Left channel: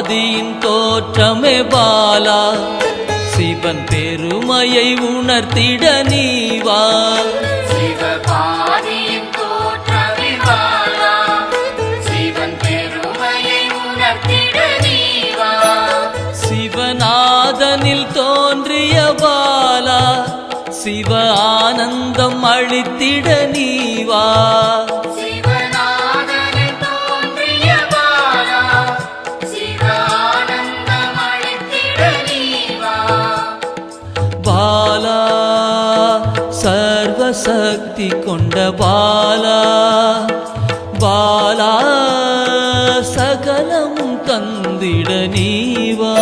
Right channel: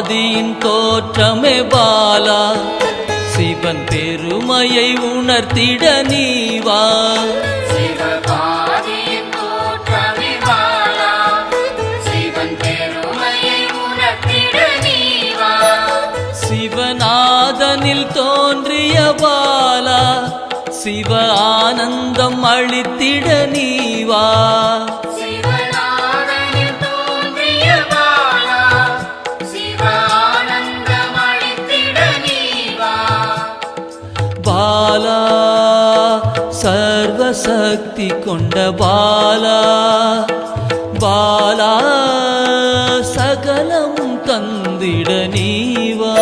ஆதியின் தோற்றமே பாலா, சிவன் பெருமையை உணர்த்திட நீவா. சிவநாதனில் தோன்றிய பாலா, சிவ ஆனந்தம் அளித்திட நீவா. பாலா சர்வசக்தி கொண்ட பாலா, பாலா சகலமும் தந்திட நீவா.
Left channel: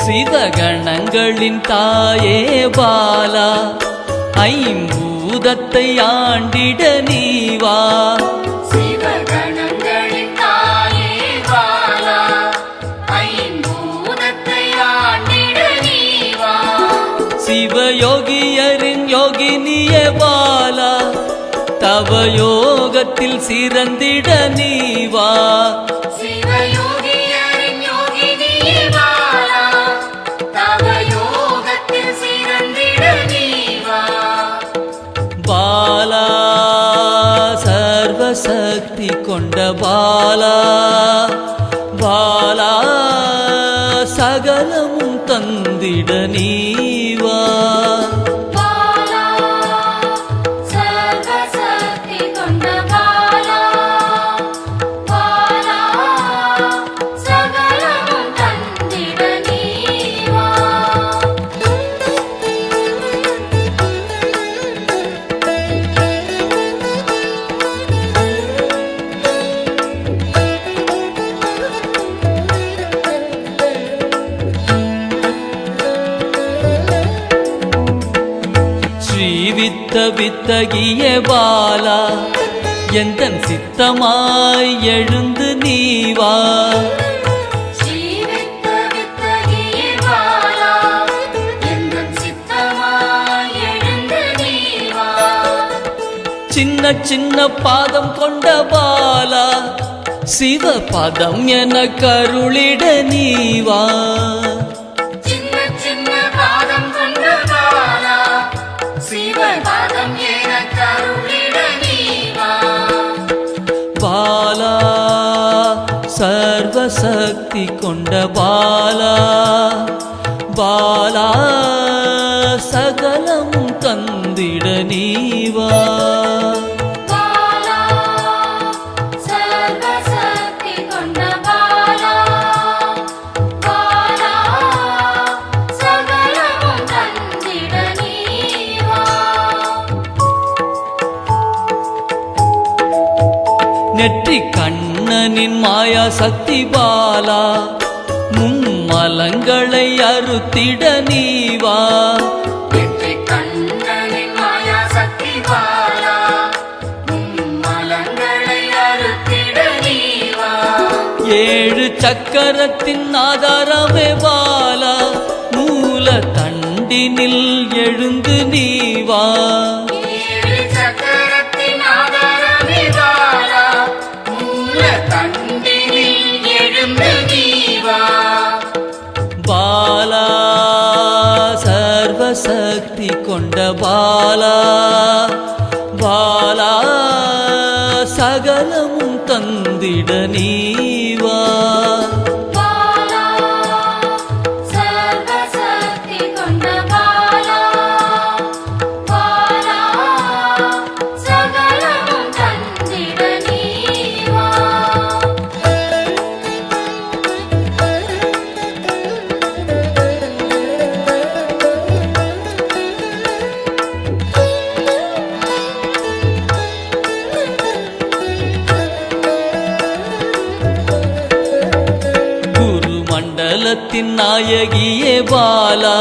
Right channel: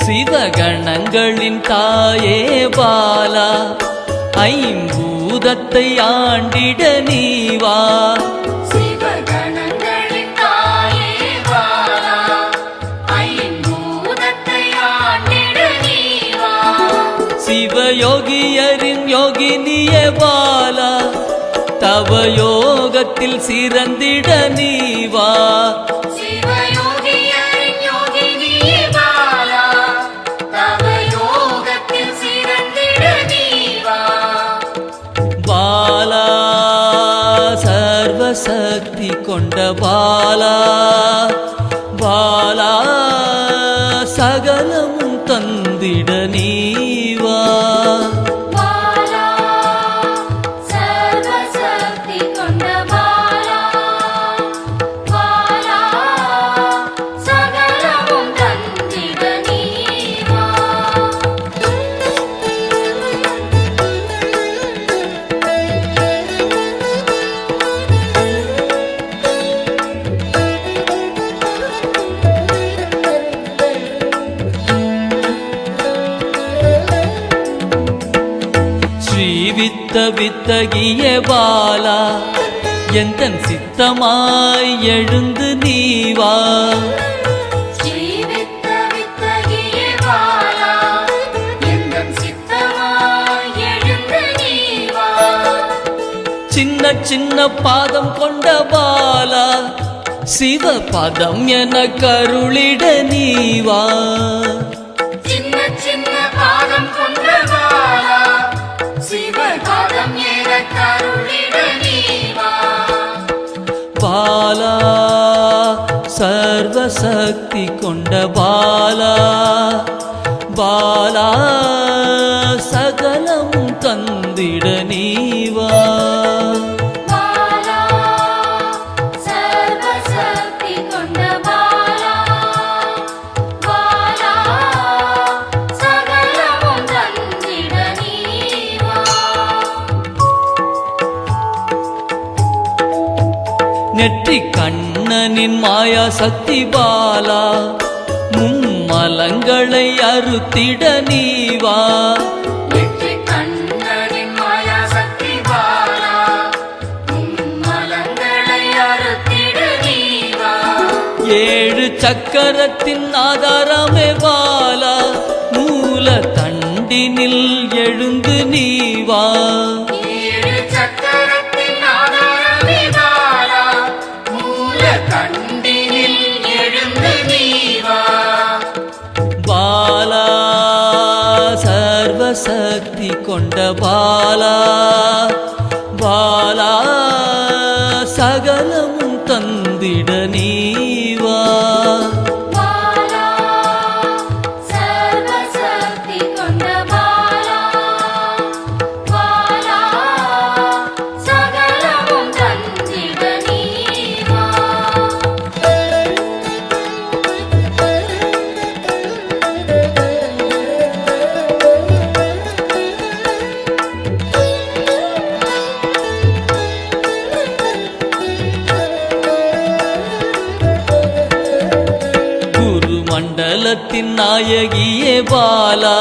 சிவகணங்களின் தாயே பாலா, ஐம்பூதத்தை ஆண்டிட நீவா. சிவயோகியரின் யோகினியே பாலா, தவ யோகத்தில் சிறந்திட நீவா. பாலா சர்வசக்தி கொண்ட பாலா, பாலா சகலமும் தந்திட நீவா. ஸ்ரீவித்த வித்தகிய பாலா, எந்தன் சித்தமாய் எழுந்து நீவா. சின்ன சின்ன பாதம் கொண்ட பாலா, சிவ பதம் என கருளிட நீவா. பாலா சர்வசக்தி கொண்ட பாலா, பாலா சகலமும் தந்திட நீவா. நெற்றி கண்ணனின் மாயா சக்தி பாலா, மும்மலங்களை அறுத்திட நீவா. ஏழு சக்கரத்தின் ஆதாரமே பாலா, மூல தண்டினில் எழுந்து நீவா. பாலா சர்வசக்தி கொண்ட பாலா, பாலா சகலமும் தந்திட நீவா. மண்டலத்தின் நாயகியே பாலா,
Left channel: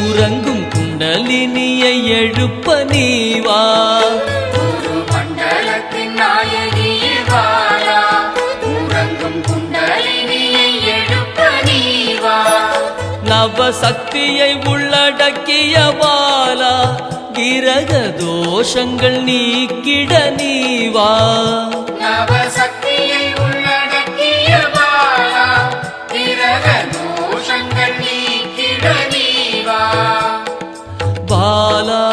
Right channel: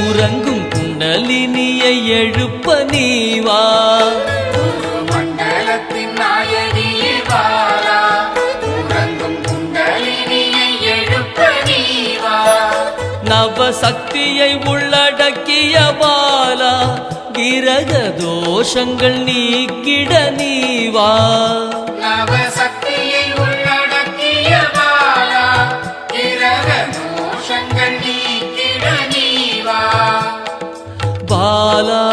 உறங்கும் குண்டலினியை எழுப்ப நீவா. மண்டலத்தின் நாயகியே பாலா, நவசக்தியை உள்ளடக்கிய பாலா கிரக தோஷங்கள் நீக்கிட நீவா நவசக்தியை உள்ளடக்கிய பாலா கிரக தோஷங்கள் நீக்கிட நீவா பாலா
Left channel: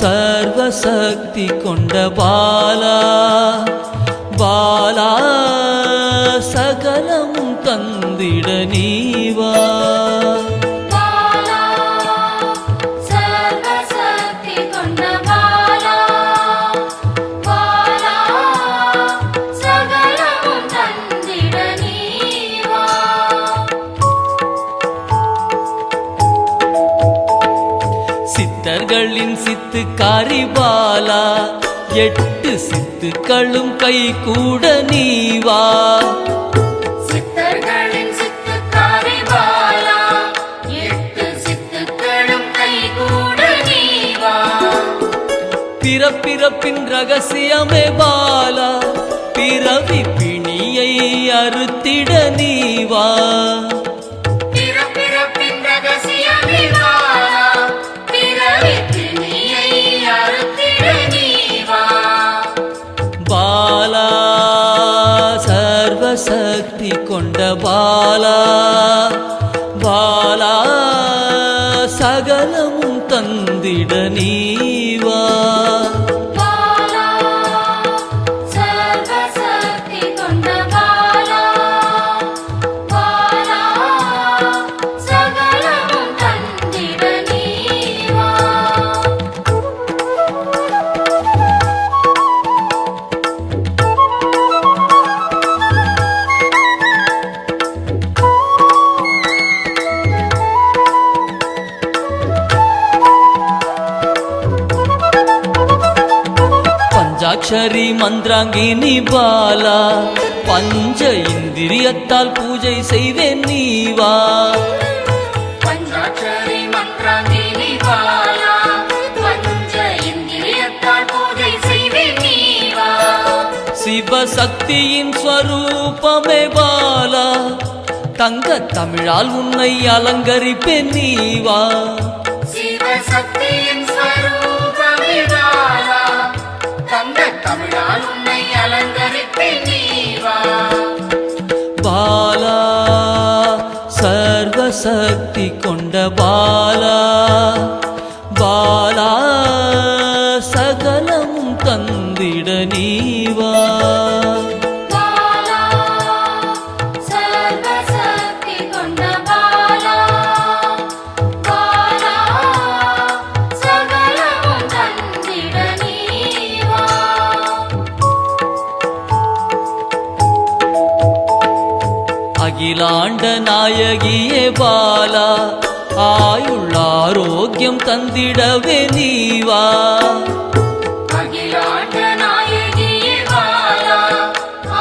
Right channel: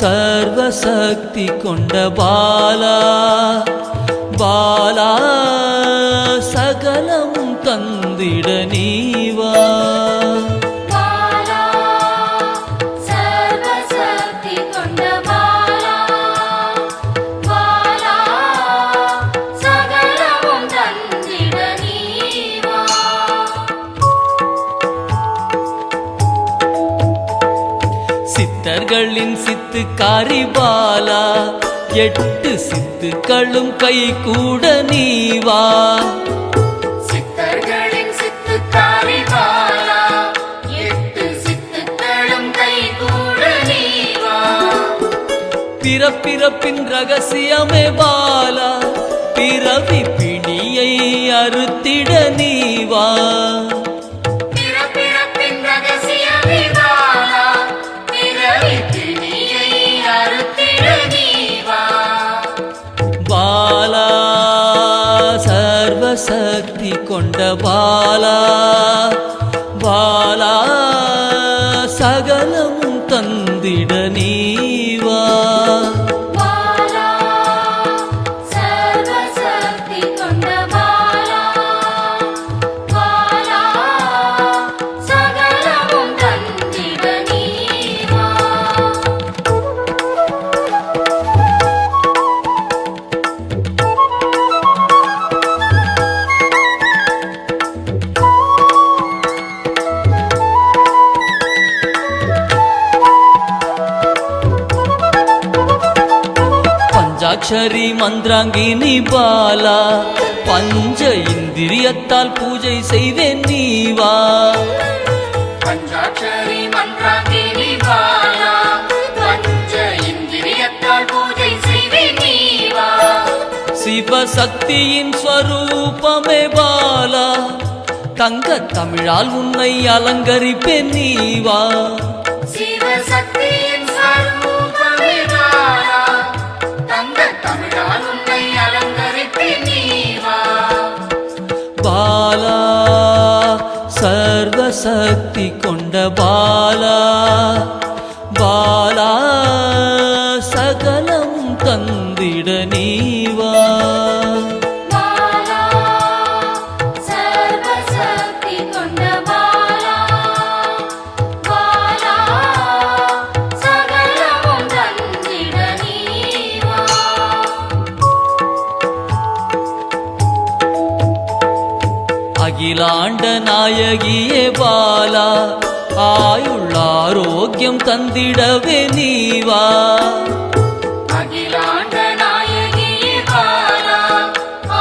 சர்வசக்தி கொண்ட பாலா பாலா சகலமும் தந்திட நீவா பாலா சர்வசக்தி கொண்ட பாலா பாலா சகலமும் தந்திட நீவா சித்தர்களின் சித்துக்காரி பாலா 8 சித்துக்களும் கை கூட நீவா சித்தர்களின் சித்துக்காரி பாலா 8 சித்துக்களும் கைகூட நீவா பிறப்பிறப்பின் ரகசியமே பாலா பிறவி பிணியை அறுத்திட நீவா பிறப்பிறப்பின் ரகசியமே பாலா பிறவி பிணியை அறுத்திட நீவா பாலா சர்வசக்தி கொண்ட பாலா பாலா சகலமும் தந்திட நீவா பாலா சர்வசக்தி கொண்ட பாலா பாலா சகலமும் தந்திட நீவா பஞ்சாட்சரி மந்திராங்கினி பாலா பஞ்ச இந்திரியத்தால் பூஜை செய்வேன் நீவா பஞ்சாட்சரி மந்திராங்கினி பாலா பஞ்ச இந்திரியத்தால் பூஜை செய்வே நீவா சிவசக்தியின் ஸ்வரூபமே பாலா தங்க தமிழால் உன்னை அலங்கரிப்பேன் நீவா சிவசக்தியின் ஸ்வரூபமே பாலா தங்க தமிழால் உன்னை அலங்கரிப்பேன் நீவா பாலா சர்வசக்தி கொண்ட பாலா பாலா சகலமும் தந்திட நீவா பாலா சர்வசக்தி கொண்ட பாலா பாலா சகலமும் தந்திட நீவா அகிலாண்ட நாயகியே பாலா ஆயுள் ஆரோக்கியம் தந்திடவே நீவா அகிலாண்ட நாயகியே பாலா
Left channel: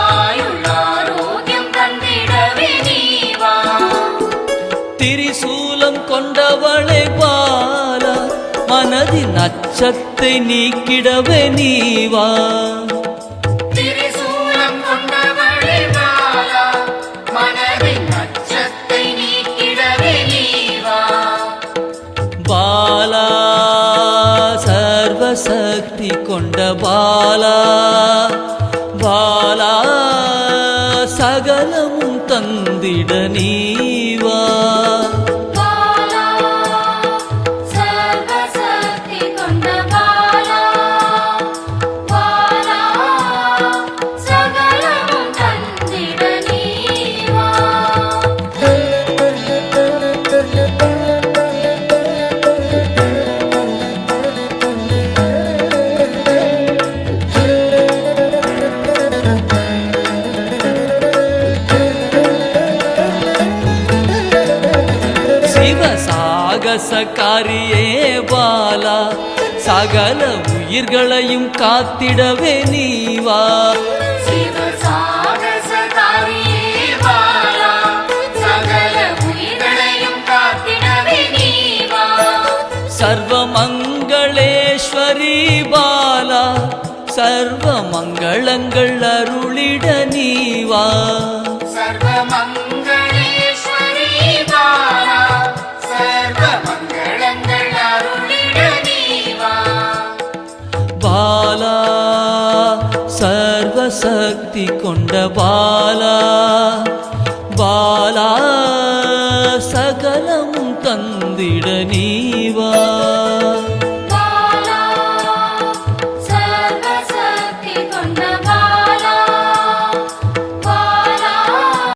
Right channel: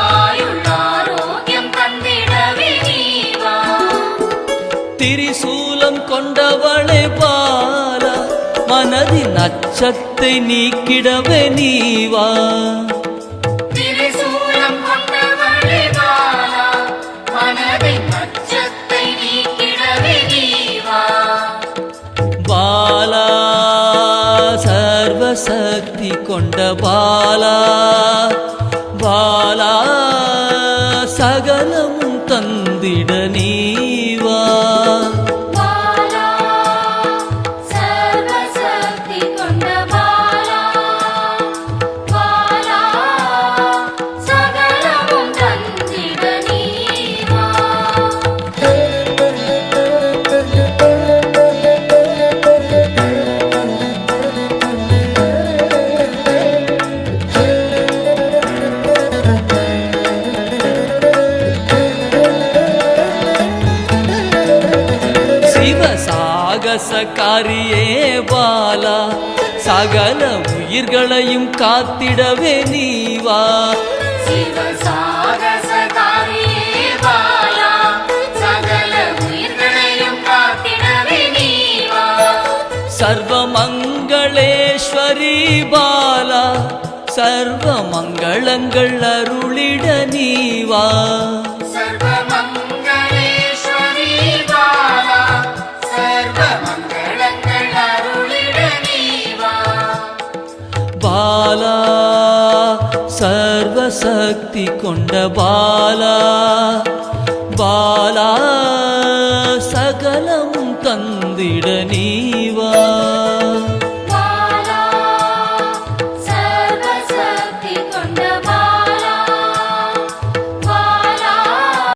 ஆயுள் ஆரோக்கியம் தந்திடவே நீவா திரிசூலம் கொண்டவளை பாலா மனதின் அச்சத்தை நீக்கிடவே நீவா திரிசூலம் கொண்டவளே பாலா மனதின் அச்சத்தை நீக்கிடவே நீவா பாலா சர்வசக்தி கொண்ட பாலா பாலா சகலமும் தந்திட நீவா பாலா சர்வசக்தி கொண்ட பாலா பாலா சகலமும் தந்திட நீவா சாகசக்காரியே பாலா சகல உயிர்களையும் காத்திடவே நீவா சிவசாகசகாரியே பாலா சகல உயிர்களையும் காத்திடவே நீவா சர்வமங்களேஸ்வரி பாலா சர்வ மங்களங்கள் அருளிட நீவா சர்வமங்களேஸ்வரி பாலா பாலா சர்வசக்தி கொண்ட பாலா பாலா சகலமும் தந்திட நீவா